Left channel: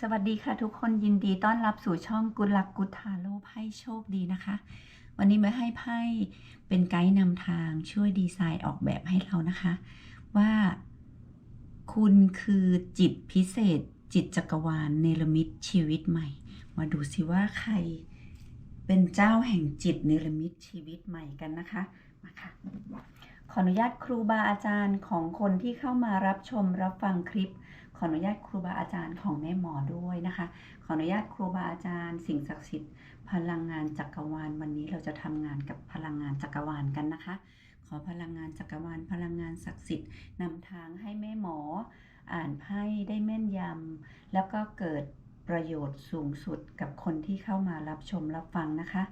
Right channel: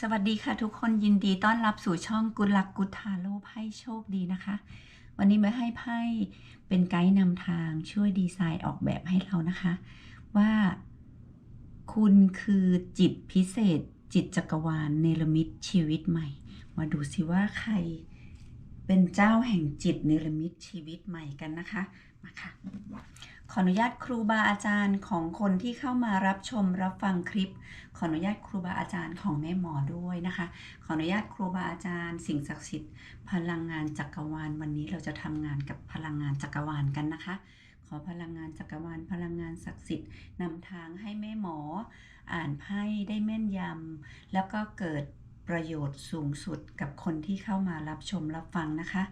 สวัสดีค่ะทุกคนยินดีต้อนรับสู่ช่องกุลักกุทาโลไพ่โชคดีนะคะ วันนี้มาให้ไพ่เป็นไกด์นำทางช่วยดีไซน์ออกแบบให้เรานะคะ ว่าคุณคือจิตพิเศษ จิตจักรวาลเนรมิตชีวิตใหม่ มาดูสิว่าใครเป็นเจ้าแห่งจิตเนรมิตชีวิตใหม่กันนะคะมาค่ะ ขออนุญาตครูบาอาจารย์ของคนที่เข้ามารับชมรับฟังคลิป ขออนุญาตครูบาอาจารย์ของแม่หมอด้วยนะคะ ขออนุญาตครูบาอาจารย์ สิ่งศักดิ์สิทธิ์พลังงานจักรวาล วันนี้เราจะทำงานกับพลังงานจักรวาลกันนะคะ ขอพลังงานจักรวาลพลังงานศักดิ์สิทธิ์นำทางให้แม่หมอ อ่านไพ่ได้แม่นยำแล้วก็เกิดประโยชน์สูงสุดกับคนที่เข้ามารับชมรับฟังนะคะ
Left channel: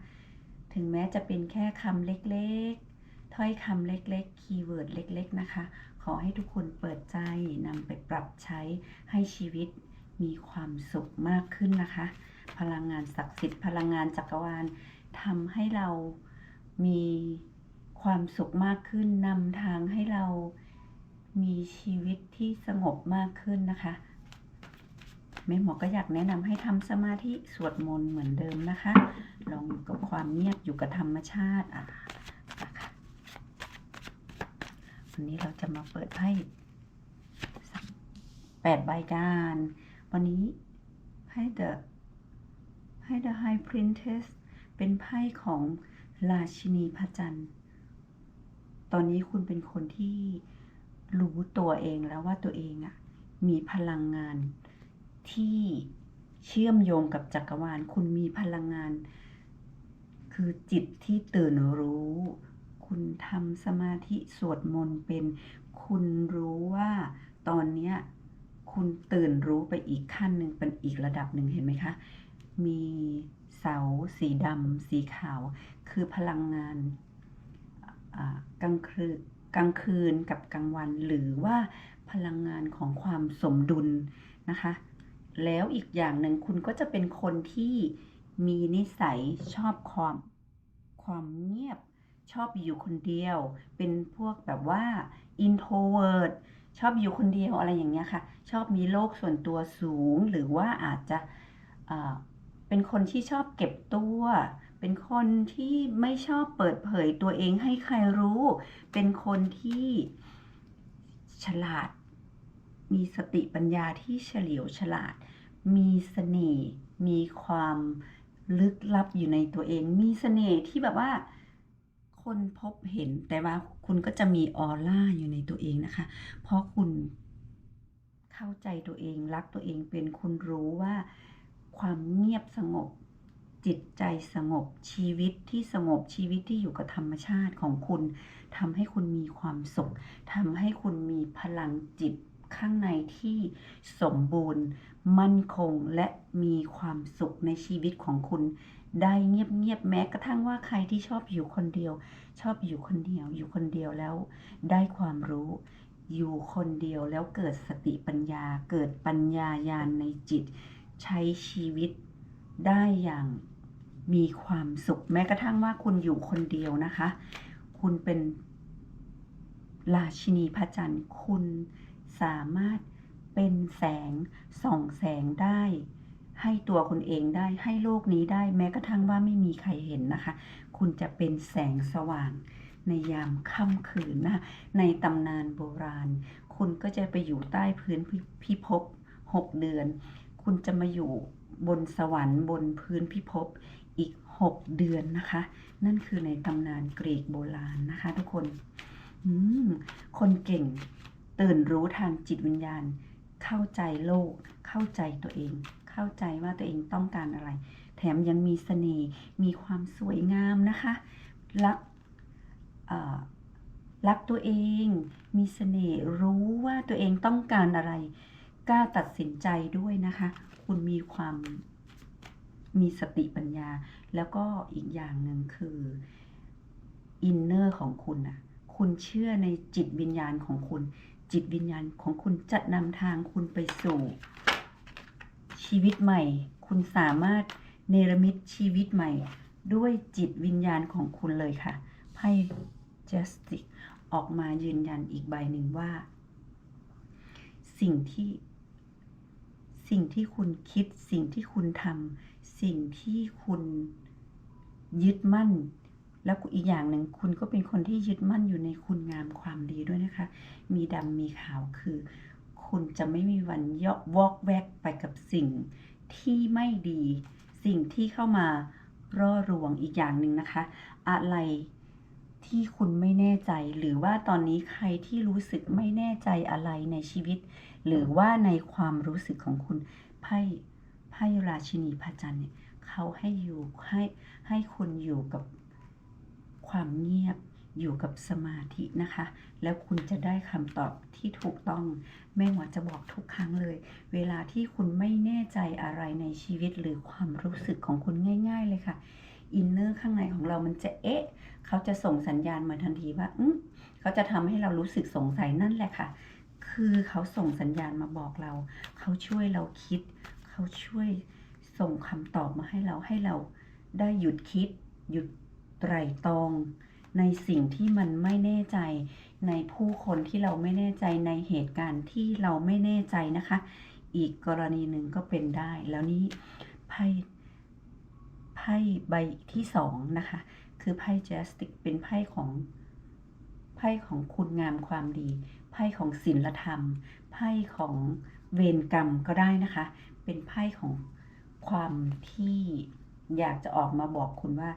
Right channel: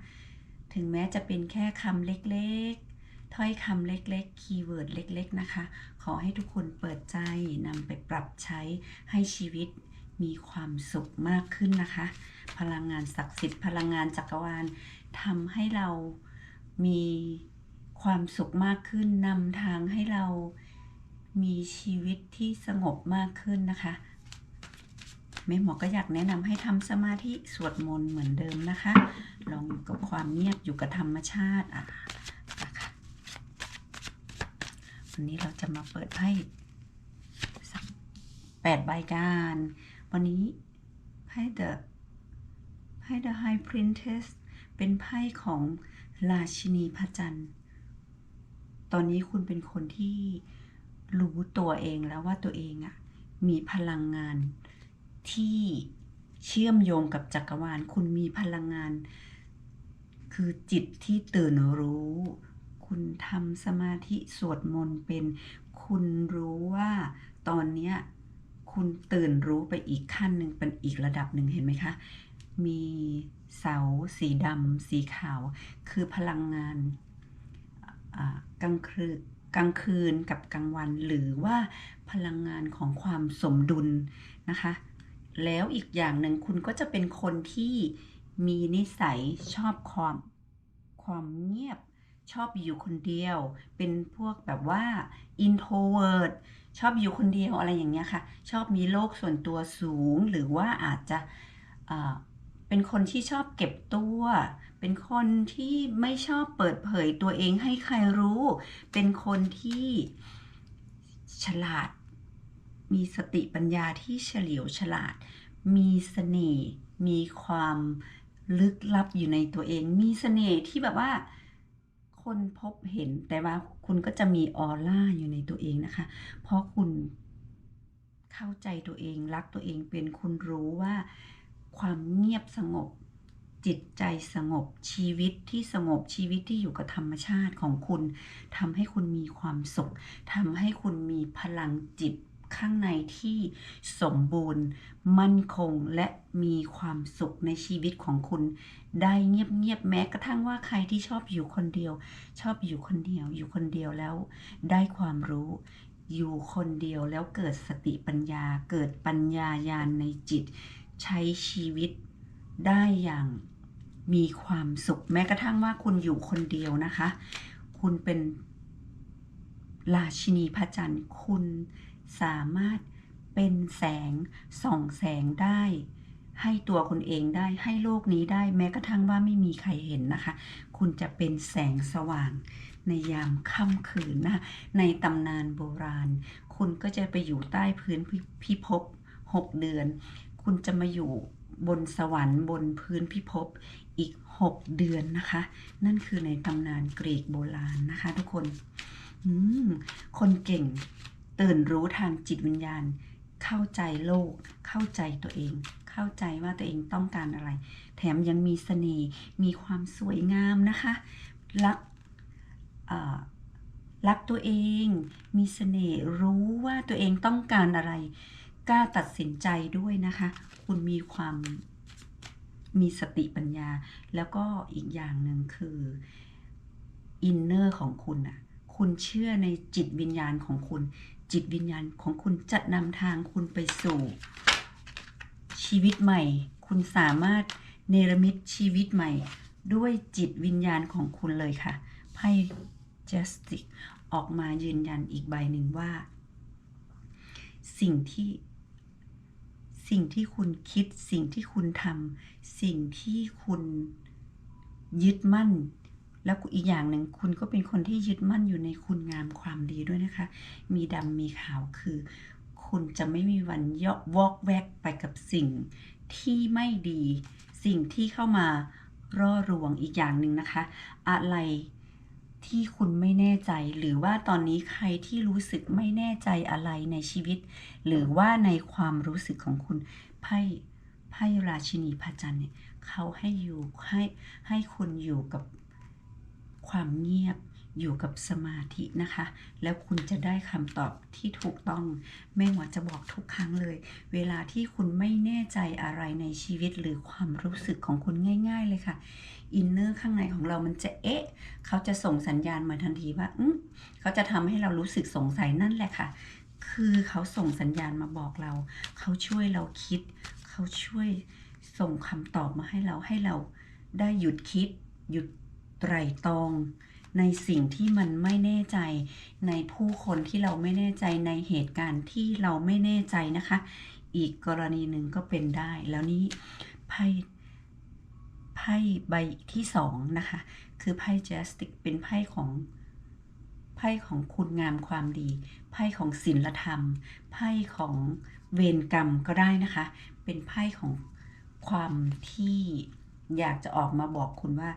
ถึงแม้จะเป็นแค่คำเล็กๆ ถ้อยคำเล็กๆ คีย์เวิร์ดเล็ก ๆ นะคะ ขอให้ทุกคนเปิดใจนำไปปรับใช้ให้ชีวิตมีความสุขมากขึ้นนะคะ พลังงานศักดิ์สิทธิ์ พลังงานจักรวาลทำให้เรามีความสุขมากขึ้นนำทางให้เรามีชีวิตที่สงบมากขึ้นนะคะแม่หมอก็อยากแนะนำให้ทำสมาธิสวดมนต์เหมือนเดิมนะคะ ลองอยู่กับความเงียบอยู่กับธรรมชาติอะนะคะ วันนี้เราจะมาเปิดไพ่สักแปดใบกัน วันนี้ไพ่ the ไพ่ the high princess เป็นไพ่ของราชินีพระจันทร์ ตอนนี้คุณเป็นคนที่รู้ตัวเองแล้วว่าตัวเองอะมีพลังงานที่เชื่อมโยงกับจักรวาล คุณมีพลังงาน คือจิตที่ตื่นรู้ ทำสมาธิสวดมนต์เป็น คุณรู้ว่าตอนเนี้ยคุณตื่นรู้ไปอีกขั้นหนึ่งเป็นอีกระดับหนึ่งเห็นไหมคะ มีเสาสีดำสีขาว คือพลังงานกลางคืนกลางคืนกับกลางวัน หรือว่าพลังงานของความสมดุลนะคะ แล้วอีกอย่างหนึ่งคุณก็จะเป็นคนที่มีนิสัยชอบความความเงียบ ชอบอยู่คนเดียว เป็นพวกแบบว่า introvert ชอบอยู่คนเดียวอะไรอย่างเงี้ยค่ะ ชอบมีโลกส่วนตัวสูง หรือว่าอาจจะเป็นคนที่ชอบเก็บตัว เป็นคนที่ไม่ชอบเปิดเผยตัวเองให้ใครรู้ เป็นคนที่ฉลาด มีสติปัญญาที่เฉลียวฉลาด มีเสน่ห์ มีความลึกลับอยู่ในตัวเอง มีเสน่ห์ที่แบบว่า คนพบเห็นแต่ว่าคุณก็จะมีออร่าอยู่ในตัวเองนะคะ เพราะคุณเข้าใจตัวเองรักตัวเองเป็นคุณรู้ว่าความเงียบสงบ จิตใจสงบชีวิตที่สงบชีวิตที่อยู่กับธรรมชาติของคุณทำให้คุณมีความสุขทำให้คุณมีพลังจิตข้างในที่สมบูรณ์ มั่นคงและมีความสุขในชีวิตของคุณ ได้เงียบๆแม้กระทั่งว่าใครที่ชอบอยู่คนเดียว ชอบอยู่คนเดียว อยู่คนเดียวแล้ว ได้ความรู้ อยู่คนเดียวแล้วเกิดสติปัญญา เกิดปัญญายาณในจิต ใช้ชีวิตได้อย่างมีความสุข แม้กระทั่งว่าคุณอยู่คนเดียวนะคะ คุณเป็นราชินีพระจันทร์คุณสามารถเป็นแสงส่องแสงได้ ให้ตัวคุณเองได้ให้โลกนี้ได้แม้กระทั่งว่าไม่มีใครเห็นนะคะ คุณจะเป็นแสงสว่างในยามค่ำคืนนะในตำนานโบราณ คุณก็จะไปอยู่ใต้พื้นพิพิภพหกเดือน คุณจะมาอยู่บนสวรรค์บนพื้นพิภพอีก 6 เดือนนะคะ นั่นคือในตำนานกรีกโบราณนะคะ ทุกคนคนเก่งตื่นรู้ทางจิตวิญญาณ เข้าใจโลกเข้าใจตัวเอง เข้าใจว่าตัวเองต้องการอะไร แถมยังมีเสน่ห์มีความสวยงามนะคะรักรักตัวเอง มีเสน่ห์รู้ว่าตัวเองต้องการอะไรกล้าตัดสินใจด้วยนะคะ คุณมีความมีสติปัญญา แล้วก็อีกอย่างหนึ่งคืออินเนอร์ของคุณน่ะคุณเชื่อในจิตวิญญาณของคุณ จิตวิญญาณของคุณจะนำทางคุณไปสู่ ชีวิตใหม่ คุณสามารถเนรมิตชีวิตใหม่ ด้วยจิตวิญญาณของคุณเลยค่ะ ไพ่ Justice ออกมายืนยันอีกใบหนึ่งว่า สิ่งที่ สิ่งที่คุณคิด สิ่งที่คุณทำสิ่งที่คุณยึดมั่น แล้วอีกอย่างหนึ่งคุณก็เป็นคนที่ยึดมั่นอยู่ในคุณงามความดีด้วยนะคะ มีดำมีขาวคือ คุณจะไม่มีวันยอกวอกแวกไปกับสิ่งที่ไม่ดี สิ่งที่เข้ามาร่อรวงอีกอย่างหนึ่งนะคะ อะไรที่คุณไม่แน่ใจ หรือว่าตอนนี้ใครที่รู้สึกไม่แน่ใจอะไรในชีวิต หรือว่าในความรู้สึกของคุณไพ่ไพ่ราชินีพระจันทร์เนี่ยเขาให้อยู่ให้ให้คุณอยู่กับความเงียบ อยู่กับสมาธินะคะ แล้วคุณจะได้คำตอบที่ถูกต้อง แม่หมอจะบอกทุกครั้งเลย เวลาที่คุณไม่แน่ใจอะไรในชีวิตหรือความรู้สึกของคุณง่าย ๆ เลยค่ะอินเนอร์ข้างในของเรามันจะเอ๊ะ เขาจะส่งสัญญาณมาทันทีว่าอืมเขาจะทำให้เรารู้สึกสงสัยนั่นแหละค่ะ คือเขาส่งสัญญาณมาบอกเรา เขาช่วยเราคิด เขาช่วยส่งคำตอบมาให้เราให้เราได้หยุดคิด หยุดไตร่ตรอง ในสิ่งที่มันไม่แน่ใจ ในผู้คนที่เราไม่แน่ใจในเหตุการณ์ที่เราไม่แน่ใจนะคะ อีกกรณีหนึ่งก็เป็นได้ แล้วนี้ไพ่ไพ่ใบที่สองนะคะ คือไพ่แจสติกเป็นไพ่ของไพ่ของคุณงามความดี ไพ่ของศีลธรรม ไพ่ของเวรกรรมก็ได้นะคะ เป็นไพ่ของความที่อยากจะออกมาบอกคุณว่า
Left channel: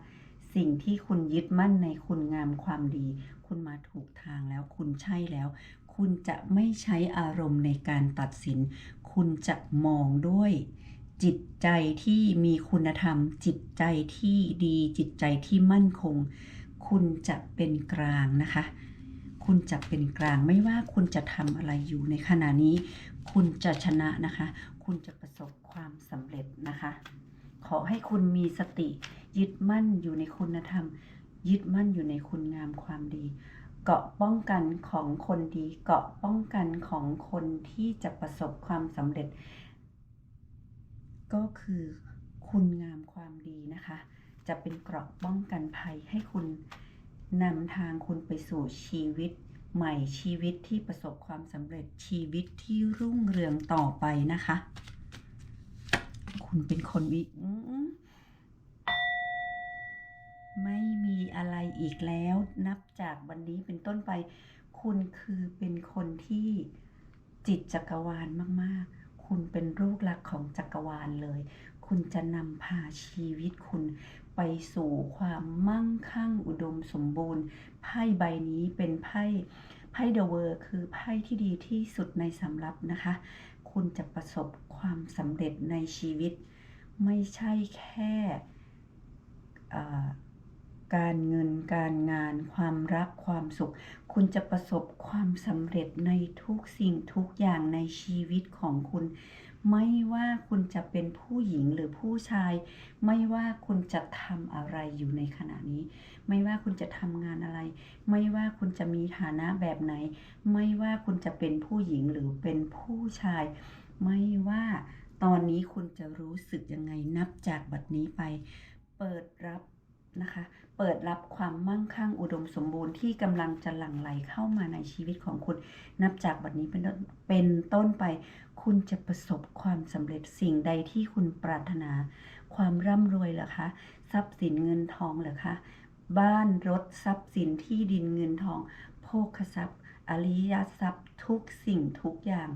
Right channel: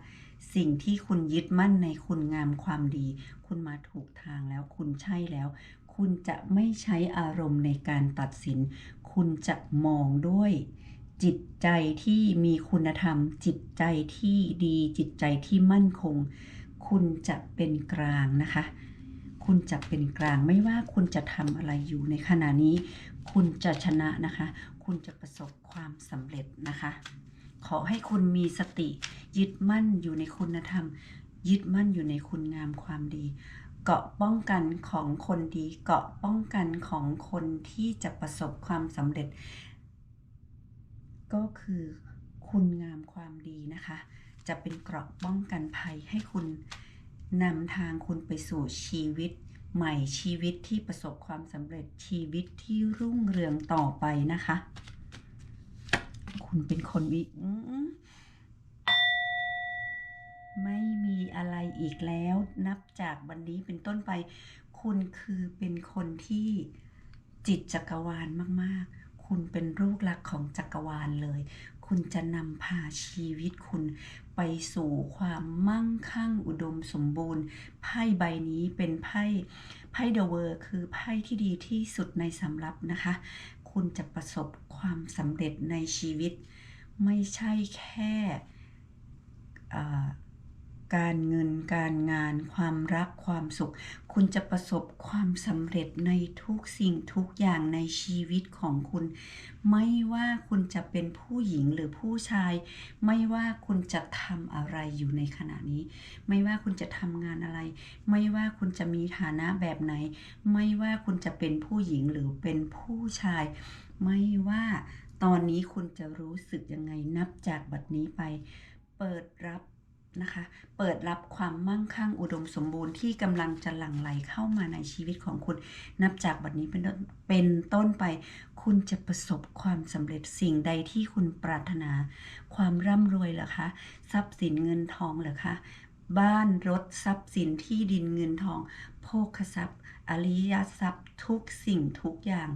สิ่งที่คุณยึดมั่นในคุณงามความดี คุณมาถูกทางแล้ว คุณใช่แล้ว คุณจะไม่ใช้อารมณ์ในการตัดสิน คุณจะมองด้วยจิตใจที่มีคุณธรรม จิตใจที่ดี จิตใจที่มั่นคง คุณจะเป็นกลางนะคะ คุณจะเป็นกลางไม่ว่าคุณจะทำอะไรอยู่ในขณะนี้ คุณจะชนะนะคะ คุณจะประสบความสำเร็จนะคะ ขอให้คุณมีสติ ยึดมั่นอยู่ในคุณธรรม ยึดมั่นอยู่ในคุณงามความดี เกาะป้องกันของคนดี เกาะป้องกันของคนที่จะประสบความสำเร็จ ก็คือคุณงามความดีนะคะ จะเป็นเกราะป้องกันภัยให้คุณนำทางคุณไปสู่ชีวิตใหม่ชีวิตที่ประสบความสำเร็จชีวิตที่รุ่งเรืองต่อไปนะคะ คุณเป็นคนวิไม่มีอะไรอีกแล้ว นับจากวันนี้เป็นต้นไป คุณคือเป็นคนที่จิตจักรวาลมาก ๆ คุณเป็นลูกหลักของจักรวาลเลย คุณจะนำพาชีวิตคุณไปสู่ความมั่งคั่งอุดมสมบูรณ์ ไพ่ใบนี้เป็นไพ่ไพ่เดอะเวอร์คือไพ่ที่ดีที่สุดในสำรับนะคะ คุณจะประสบ ความสำเร็จในชีวิต ไม่ใช่แค่การเงินการงาน ความรักความสุข คุณจะประสบความสำเร็จในทุกสิ่งทุกอย่างในชีวิตของคุณ ไม่ว่าคุณจะเป็นผู้หญิงหรือผู้ชาย ไม่ว่าคุณจะทำอะไรอยู่ในขณะนี้ ไม่ว่าคุณจะทำงานอะไร ไม่ว่าคุณจะมีฐานะแบบไหน ไม่ว่าคุณจะเป็นผู้หญิงหรือเป็นผู้ชาย ไม่ว่าตอนนี้คุณจะรู้สึกยังไงนับจากบัดนี้ไป เปิดรับนะคะ เปิดรับความมั่งคั่งอุดมสมบูรณ์ที่กำลังจะหลั่งไหลเข้ามาในชีวิตของคุณ นับจากบัดนี้เป็นต้นเป็นต้นไป คุณจะประสบความสำเร็จสิ่งใดที่คุณปรารถนา ความร่ำรวยเหรอคะ ทรัพย์สินเงินทองเหรอคะ บ้านรถทรัพย์สินที่ดินเงินทอง โภคทรัพย์ อริยทรัพย์ทุกสิ่งทุกอย่าง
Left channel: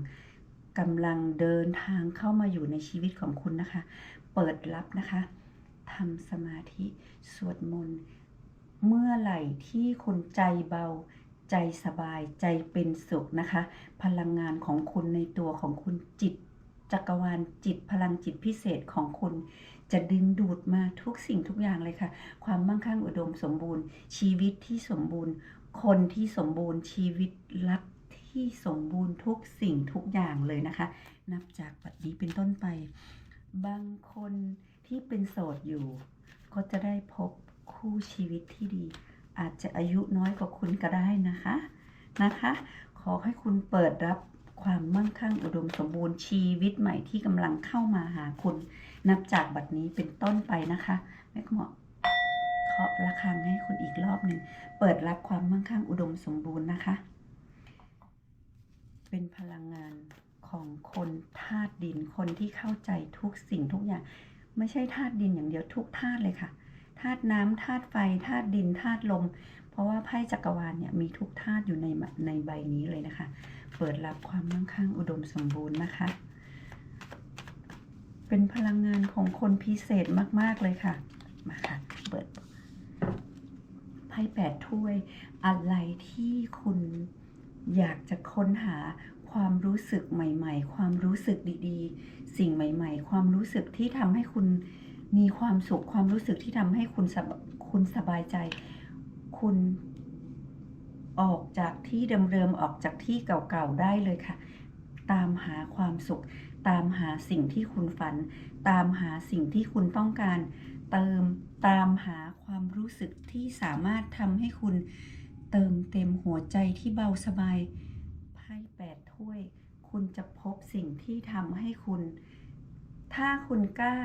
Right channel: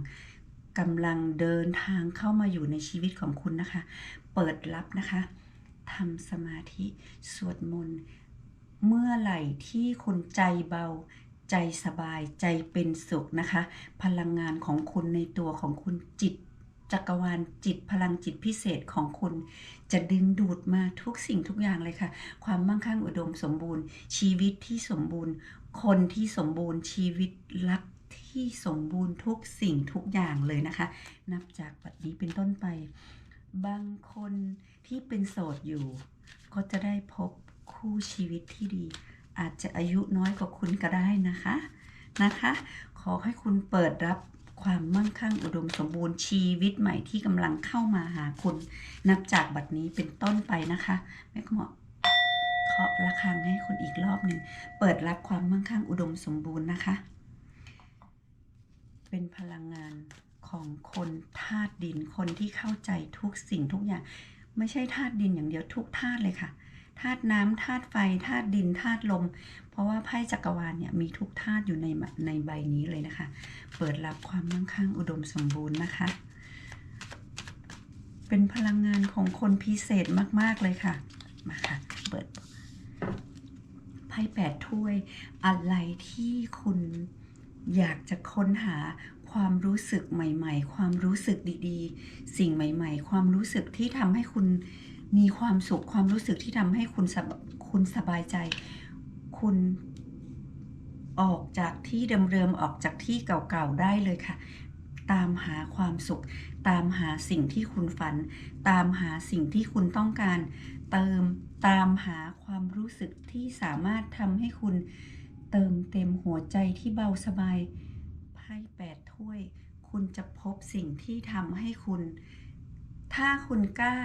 กำลังเดินทางเข้ามาอยู่ในชีวิตของคุณนะคะ เปิดรับนะคะทำสมาธิสวดมนต์เมื่อไหร่ที่คุณใจเบาใจสบายใจเป็นสุขนะคะ พลังงานของคุณในตัวของคุณจิตจักรวาลจิตพลังจิตพิเศษของคุณ จะดึงดูดมาทุกสิ่งทุกอย่างเลยค่ะ ความมั่งคั่งอุดมสมบูรณ์ ชีวิตที่สมบูรณ์ คนที่สมบูรณ์ชีวิตรัก ที่สมบูรณ์ทุกสิ่งทุกอย่างเลยนะคะ นับจากบัดนี้เป็นต้นไป บางคนที่เป็นโสดอยู่ ก็จะได้พบคู่ชีวิตที่ดี อาจจะอายุน้อยกว่าคุณก็ได้นะคะนะคะ ขอให้คุณเปิดรับความมั่งคั่งอุดมสมบูรณ์ชีวิตใหม่ที่กำลังเข้ามาหาคุณ นับจากบัดนี้เป็นต้นไปนะคะแม่ก็บอเคาะระฆังให้คุณอีกรอบหนึ่ง เปิดรับความมั่งคั่งอุดมสมบูรณ์นะคะ เป็นพลังงานของคนธาตุดิน คนที่เข้าใจทุกสิ่งทุกอย่าง ไม่ใช่ธาตุดินอย่างเดียวทุกธาตุเลยค่ะธาตุน้ำธาตุไฟธาตุดินธาตุลม เพราะว่าไพ่จักรวาลเนี่ยมีทุกธาตุอยู่ในในใบนี้เลยนะคะ เปิดรับความมั่งคั่งอุดมสมบูรณ์นะคะ เป็นพลังงานของคนพิเศษมากๆเลยค่ะ มาค่ะ เปิดไพ่แปดถ้วยอะไรที่คุณ อยากจะค้นหาความรู้สึกใหม่ ๆ ความรู้สึกดีๆ สิ่งใหม่ ๆ ความรู้สึกที่ทำให้คุณมีความสุข ความรู้สึกที่ทำให้คุณสบคุณสบายใจ คุณออกจากที่เดิมๆออกจากที่เก่าๆได้เลยค่ะ ตามหาความสุข ตามหาสิ่งที่คุณฝัน ตามหาสิ่งที่คุณต้องการ เติมตามหาความรู้สึกที่สามารถทำให้คุณ เติมเต็มหัวใจที่เบาสบายไพ่แปดถ้วย คุณจะพบสิ่งที่ทำให้คุณ ถ้าคุณกล้า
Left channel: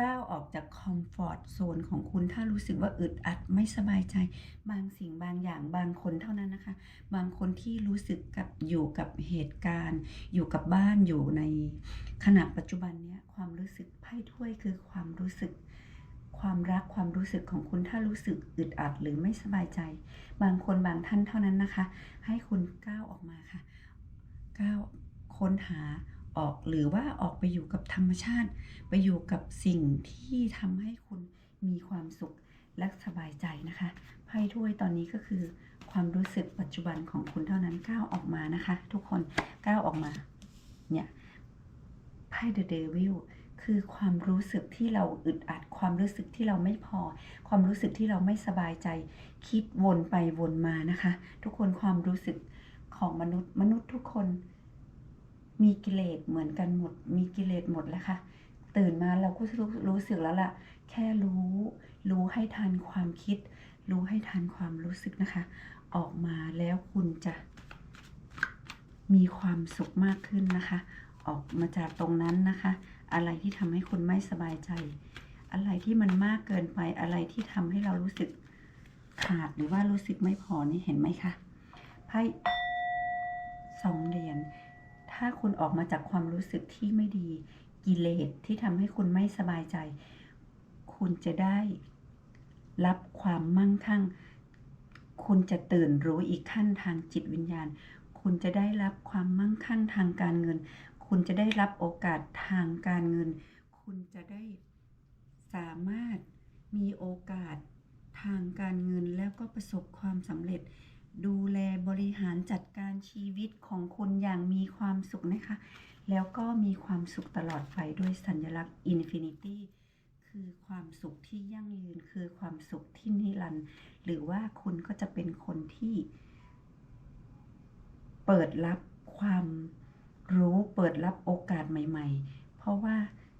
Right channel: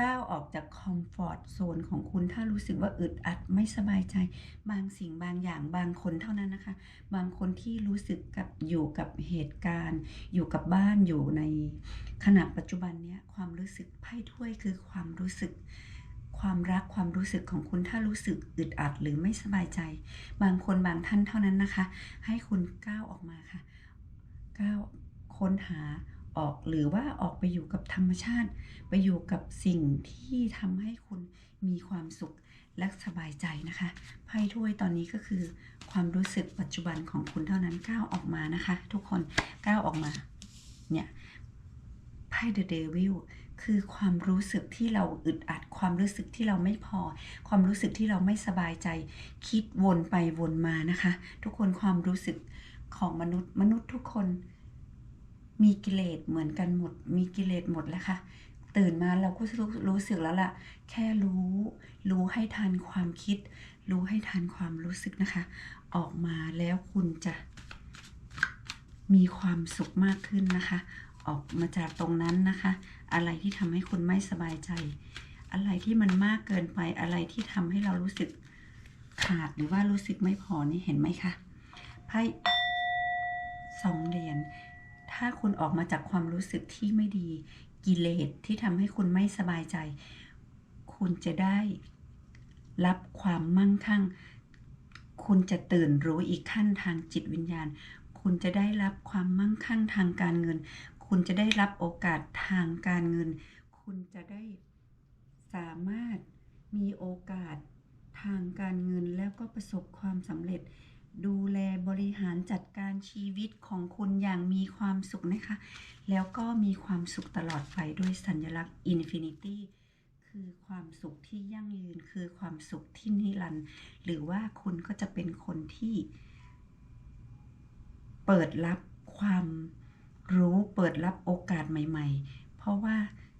ก้าวออกจากคอมฟอร์ตโซนของคุณถ้ารู้สึกว่าอึดอัดไม่สบายใจ บางสิ่งบางอย่างบางคนเท่านั้นนะคะ บางคนที่รู้สึกกับอยู่กับเหตุการณ์ อยู่กับบ้านอยู่ในขณะปัจจุบันเนี้ยความรู้สึกไพ่ถ้วยคือความรู้สึก ความรักความรู้สึกของคุณถ้ารู้สึกอึดอัดหรือไม่สบายใจ บางคนบางท่านเท่านั้นนะคะ ให้คุณก้าวออกมาค่ะก้าวค้นหาออกหรือว่าออกไปอยู่กับธรรมชาติ ไปอยู่กับสิ่งที่ทำให้คุณมีความสุขและสบายใจนะคะไพ่ถ้วยตอนนี้ก็คือ ความรู้สึกปัจจุบันของคุณเท่านั้นก้าวออกมานะคะ ทุกคนก้าวออกมาเนี่ยไพ่ The Devil คือความรู้สึกที่เราอึดอัด ความรู้สึกที่เราไม่พอ ความรู้สึกที่เราไม่สบายใจ คิดวนไปวนมานะคะ ทุกคนความรู้สึกของมนุษย์ มนุษย์ทุกคน มีกิเลสเหมือนกันหมด มีกิเลสหมดแล้วค่ะตื่นมาเราก็รู้รู้สึกแล้วล่ะ แค่รู้ รู้ให้ทันความคิด รู้ให้ทันความรู้สึกนะคะ ออกมาแล้วคุณจะมีความสุขมากขึ้นนะคะ ออกมาจากตรงนั้นนะคะ อะไรที่ทำให้คุณไม่สบายใจ อะไรที่มันมากเกินไปอะไรที่ทำให้เรารู้สึกขาดหรือว่ารู้สึกไม่พอนี่เห็นไหมคะไพ่สองเหรียญถ้าคุณออกมาจากความรู้สึกที่ไม่ดีกิเลสที่ทำให้คุณไม่สบายใจ คุณจะได้รับความมั่งคั่ง คุณจะตื่นรู้อีกขั้นทางจิตวิญญาณ คุณจะได้รับความมั่งคั่งทางการเงิน คุณจะได้รับโอกาสทางการเงิน คุณจะได้สามารถมีโอกาสทางการเงินแล้วก็ประสบความสำเร็จ ดูแลบริหารจัดการชีวิตของคุณอย่างมีความสุขนะคะ แล้วก็มีความสุขตลอดไปด้วยสัญลักษณ์ Infinity คือความสุขที่ยั่งยืนคือความสุขที่นิรันดร์หรือว่าคุณก็จะเป็นคนที่ เปิดรับความ รู้เปิดรับโอกาสใหม่ ๆ เพราะว่า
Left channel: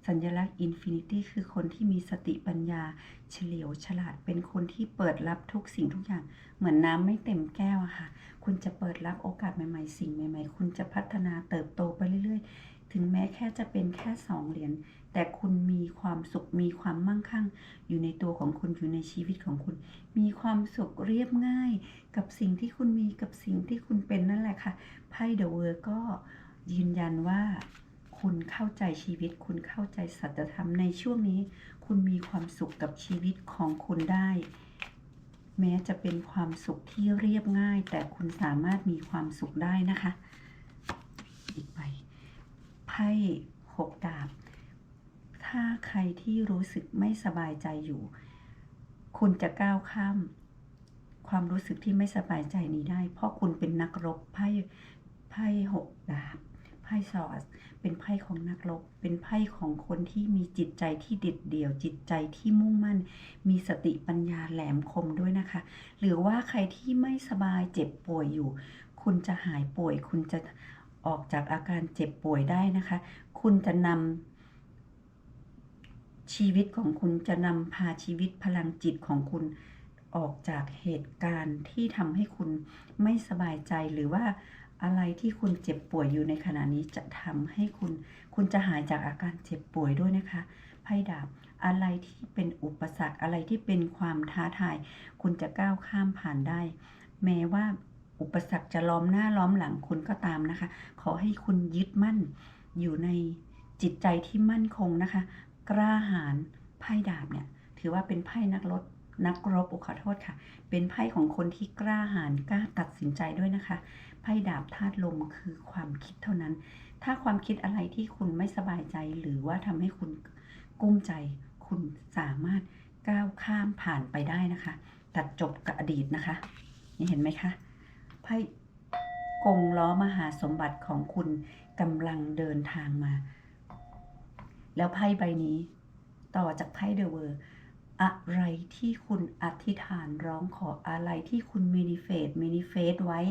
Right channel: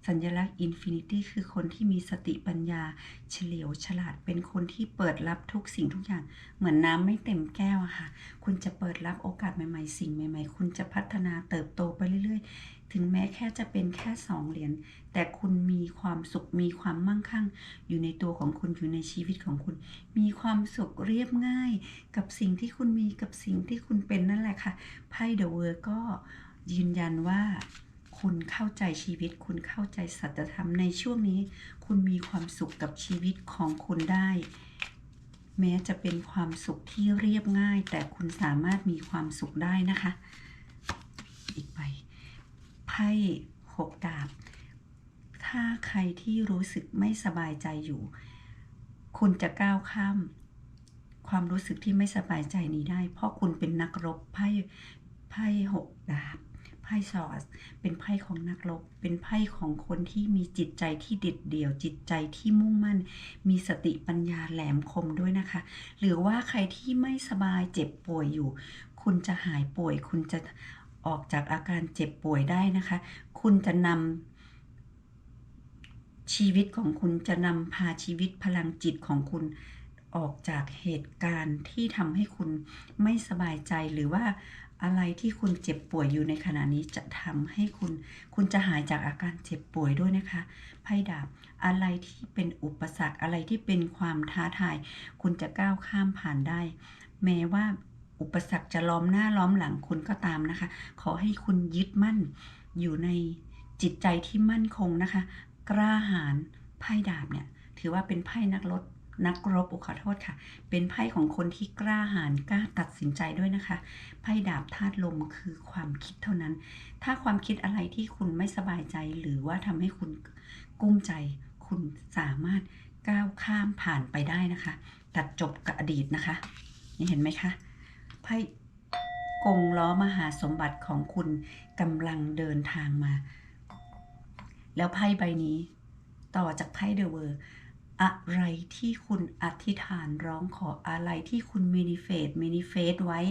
สัญลักษณ์ Infinity คือคนที่มีสติปัญญา เฉลียวฉลาดเป็นคนที่เปิดรับทุกสิ่งทุกอย่าง เหมือนน้ำไม่เต็มแก้วอะค่ะ คุณจะเปิดรับโอกาสใหม่ๆ สิ่งใหม่ ๆ คุณจะพัฒนาเติบโตไปเรื่อยๆ ถึงแม้แค่จะเป็นแค่สองเหรียญแต่คุณมีความสุขมีความมั่งคั่ง อยู่ในตัวของคุณอยู่ในชีวิตของคุณ มีความสุขเรียบง่าย กับสิ่งที่คุณมีกับสิ่งที่คุณเป็นนั่นแหละค่ะไพ่เดอะเวิร์ก็ ยืนยันว่าคุณเข้าใจชีวิต คุณเข้าใจสัจธรรมในช่วงนี้ คุณมีความสุขกับชีวิตของคุณได้ แม้จะเป็นความสุขที่เรียบง่าย แต่คุณสามารถมีความสุขได้นะคะ อีกใบไพ่หกดาบ ถ้าใครที่รู้สึกไม่สบายใจอยู่ คุณจะก้าวข้าม ความรู้สึกที่ไม่สบายใจนี้ได้ เพราะคุณเป็นนักรบไพ่ไพ่หกดาบ พ่ซอสเป็นไพ่ของนักรบ เป็นไพ่ของคนที่มีจิตใจที่เด็ดเดี่ยว จิตใจที่มุ่งมั่น มีสติปัญญาแหลมคมด้วยนะคะ หรือว่าใครที่ไม่สบายเจ็บป่วยอยู่ คุณจะหายป่วย คุณจะออกจากอาการเจ็บป่วยได้นะคะ คุณจะนำชีวิตของคุณจะนำพาชีวิตพลังจิตของคุณออกจากเหตุการณ์ที่ทำให้คุณไม่สบายใจหรือว่า อะไรที่คุณเจ็บป่วยอยู่ในขณะนี้จะทำให้คุณ คุณจะหายจากอาการเจ็บป่วยด้วยนะคะ ไพ่ดาบ อะไรที่เป็นอุปสรรค อะไรที่เป็นความท้าทาย คุณจะก้าวข้ามผ่านได้ แม้ว่าอุปสรรคจะล้อมหน้าล้อมหลังคุณก็ตามนะคะ ขอให้คุณยึดมั่นอยู่ในจิตใจที่มั่นคงนะคะ กล้าหาญ ไพ่ดาบเนี่ย ถือว่าเป็นไพ่นักรบนักรบอุขอโทษค่ะ เป็นไพ่ของคนที่กล้าหาญกล้าตัดสินใจด้วยนะคะ ไพ่ดาบธาตุลมคือความคิดเท่านั้น ถ้าความคิดอะไรที่คุณไม่สบายใจ หรือว่าทำให้คุณกุ้มใจ คุณสามารถก้าวข้ามผ่านไปได้นะคะ ตัดจบกับอดีตนะคะ นี่เห็นไหมคะไพ่กงล้อมหาสมบัติของคุณกำลังเดินทางมา แล้วไพ่ใบนี้ต่อจากไพ่เดอะเวอร์ อะไรที่คุณอธิษฐานร้องขออะไรที่คุณเมนิเฟสมินิเฟสไว้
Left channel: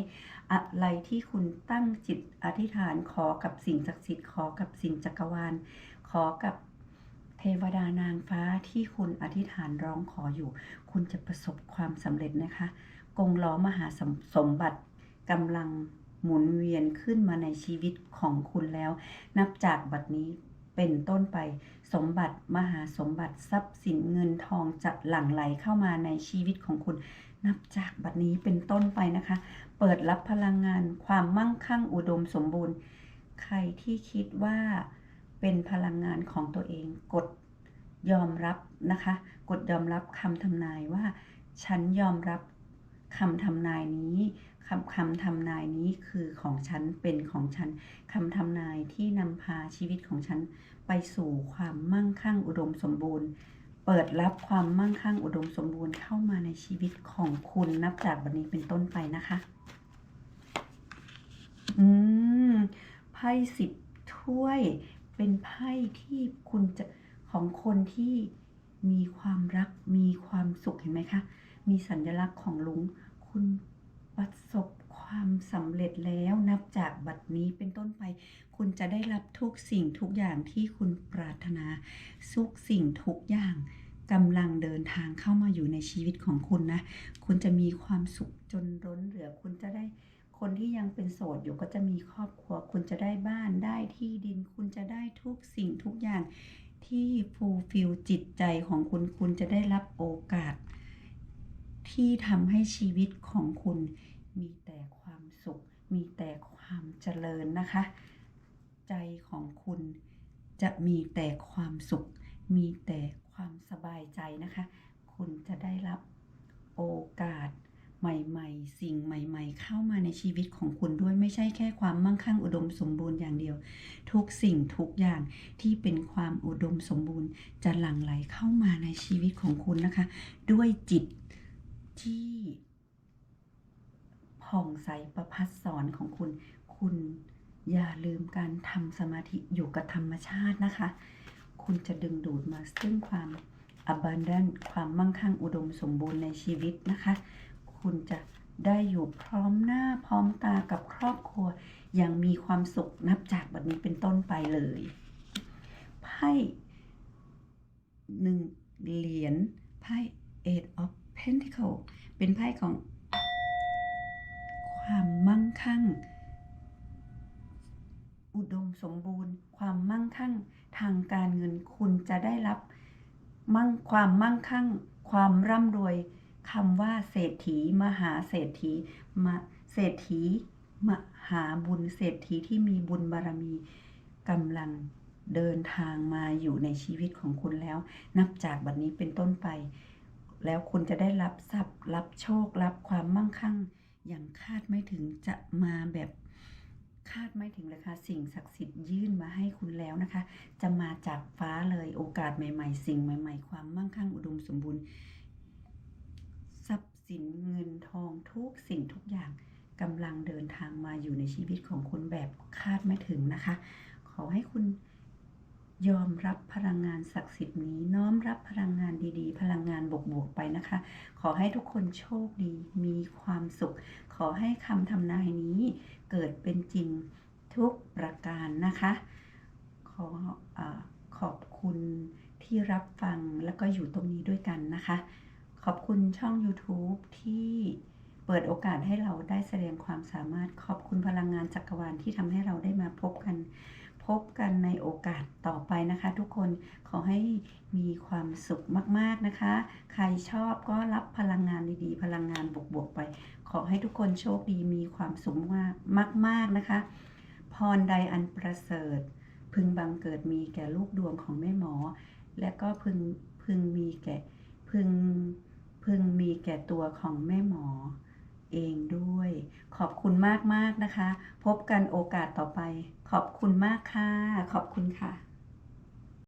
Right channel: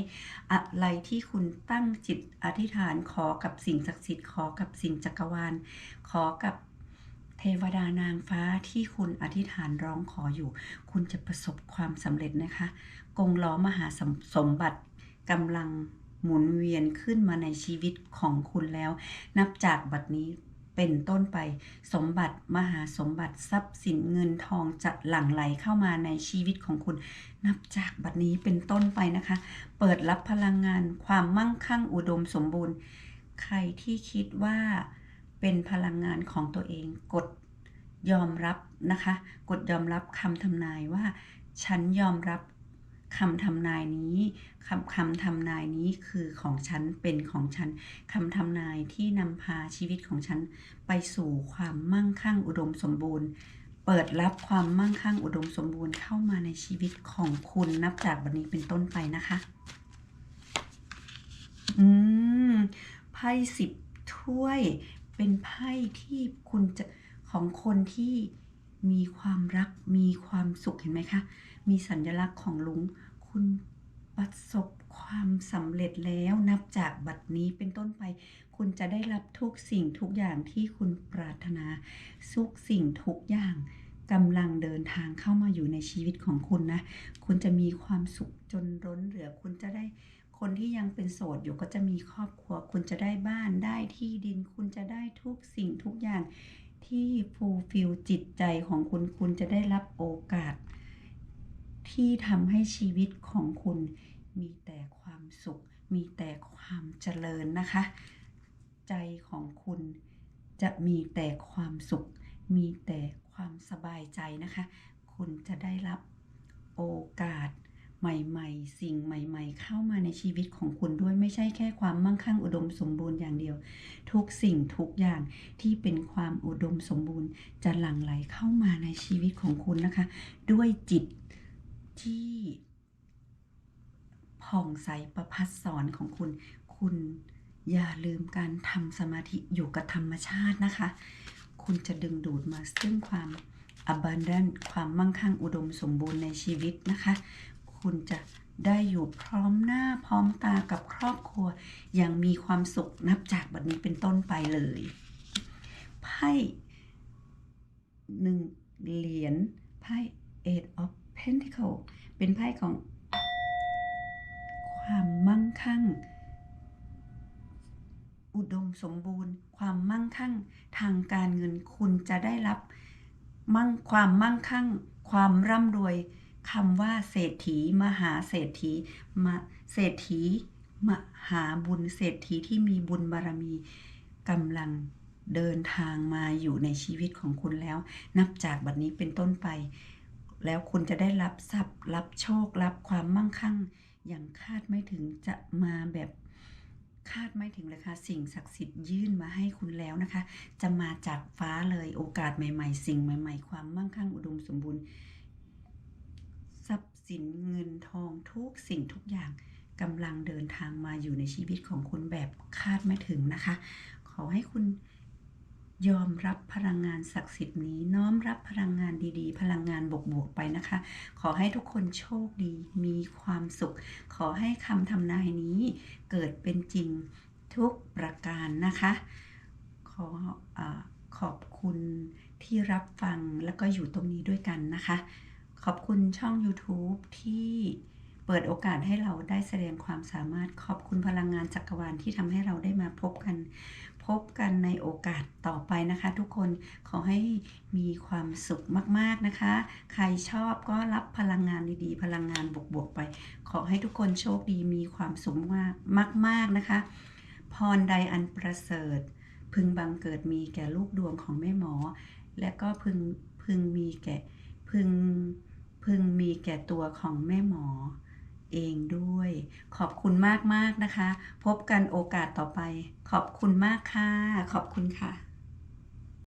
อะไรที่คุณตั้งจิตอธิษฐานขอกับสิ่งศักดิ์สิทธิ์ขอกับสิ่งจักรวาล ขอกับเทวดานางฟ้าที่คุณอธิษฐานร้องขออยู่ คุณจะประสบความสำเร็จนะคะ กงล้อมหาสมสมบัติกำลังหมุนเวียนขึ้นมาในชีวิตของคุณแล้ว นับจากบัดนี้ เป็นต้นไป สมบัติมหาสมบัติทรัพย์สินเงินทองจะหลั่งไหลเข้ามาในชีวิตของคุณ นับจากบัดนี้เป็นต้นไปนะคะ เปิดรับพลังงานความมั่งคั่งอุดมสมบูรณ์ ใครที่คิดว่าเป็นพลังงานของตัวเองกดยอมรับนะคะ กดยอมรับคำทำนายว่า ฉันยอมรับ คำทำนายนี้คำคำทำนายนี้คือของฉันเป็นของฉันคำทำนายที่นำพาชีวิตของฉันไปสู่ความมั่งคั่งอุดมสมบูรณ์ เปิดรับความมั่งคั่งอุดมสมบูรณ์เข้ามาในชีวิตของคุณนับจากวันนี้เป็นต้นไปนะคะ อืมไพ่สิบถ้วยเป็นไพ่ที่คุณจะของคนที่มีความรักมีความสุขเห็นไหมคะ มีสัญลักษณ์ของลุง คุณประสบความสำเร็จแล้วนับจากบัดนี้เป็นต้นไป คุณจะได้รับทุกสิ่งทุกอย่างที่คุณปรารถนาทุกสิ่งทุกอย่างกำลังเดินทางเข้ามาอยู่ในชีวิตของคุณนะ คุณจะมีความสุขจนล้นเหลือ คุณจะได้คนที่ยังเป็นโสดอยู่ก็จะมีครอบครัว คุณจะได้บ้านได้ที่ดิน คุณจะได้ทุกสิ่งทุกอย่างที่ฟูลฟิลจิตใจของคุณ คุณจะได้รับโอกาส ที่ทำให้ชีวิตของคุณมีแต่ความสุข มีแต่ความเจริญนะคะ ใจของคุณจะมีแต่ความสุข มีแต่ความสบายใจนะคะ คุณจะได้รับโอกาสใหม่ ๆ สิ่งใหม่ ๆ เข้ามาในชีวิตของคุณด้วยไม่ใช่แค่ความมั่งคั่งอุดมสมบูรณ์อย่างเดียว ทุกสิ่งทุกอย่างที่เป็นความอุดมสมบูรณ์ จะหลั่งไหลเข้ามาในชีวิตของคุณนะคะ ด้วยจิต ที่ผ่องใสประพัดสอนของคุณ คุณอย่าลืมการทำสมาธิอยู่กับธรรมชาตินะคะ คุณจะดึงดูดมาซึ่งความ abundant ความมั่งคั่งอุดมสมบูรณ์ในชีวิตนะคะ คุณจะได้อยู่พร้อมหน้าพร้อมตากับครอบครัว อย่างมีความสุขนับจากบัดนี้เป็นต้นไปเลยไพ่หนึ่งเหรียญไพ่ eight of pentacle เป็นไพ่ของ ความมั่งคั่ง อุดมสมบูรณ์ ความมั่งคั่ง ทางการเงินคุณจะได้รับมั่งความมั่งคั่ง ความร่ำรวยคำว่าเศรษฐี มหาเศรษฐีมาเศรษฐีมหาบุญเศรษฐีที่มีบุญบารมีกำลังเดินทางมาอยู่ในชีวิตของคุณแล้ว นับจากบัดนี้เป็นต้นไป แล้วคุณจะได้รับทรัพย์ รับโชค รับความมั่งคั่ง อย่างคาดไม่ถึงจะมาแบบคาดไม่ถึงเลยค่ะสิ่งศักดิ์สิทธิ์ยื่นมาให้คุณแล้วนะคะ จะมาจากฟ้าเลยโอกาสใหม่ ๆ สิ่งใหม่ ๆ ความมั่งคั่งอุดมสมบูรณ์ ทรัพย์สินเงินทองทุกสิ่งทุกอย่างกำลังเดินทางมาอยู่ในชีวิตของคุณแบบคาดไม่ถึงนะคะ ขอให้คุณ ยอมรับพลังงานศักดิ์สิทธิ์นี้ น้อมรับพลังงานดีๆ พลังงานบวกๆไปนะคะ ขอให้ทุกคนโชคดี มีความสุข ขอให้คำทำนายนี้เกิดเป็นจริงทุกประการนะคะ ขออขอบคุณที่รับฟังแล้วก็อยู่ตรงนี้ด้วยกันนะคะ ขอบคุณช่อง YouTube ที่เปิดโอกาสให้เราได้แสดงความสามารถขอบคุณพลังงานจักรวาลที่ทำให้เราได้มาพบกัน พบกันในโอกาสต่อไปนะคะ ทุกคนขอให้มีความสุขมากๆนะคะ ใครชอบก็รับพลังงานดีๆ พลังงานบวกๆไป ขอให้ทุกคนโชคดีมีความสุขมากมากๆนะคะ พรใดอันประเสริฐ พึงบังเกิดมีแก่ลูกดวงของแม่หมอ และก็พึงพึงมีแก่พึงพึงมีแก่ตัวของแม่หมอ เองด้วย ขอบคุณมากๆนะคะ พบกันโอกาสต่อไป ขอบคุณมากค่ะ ขอบคุณค่ะ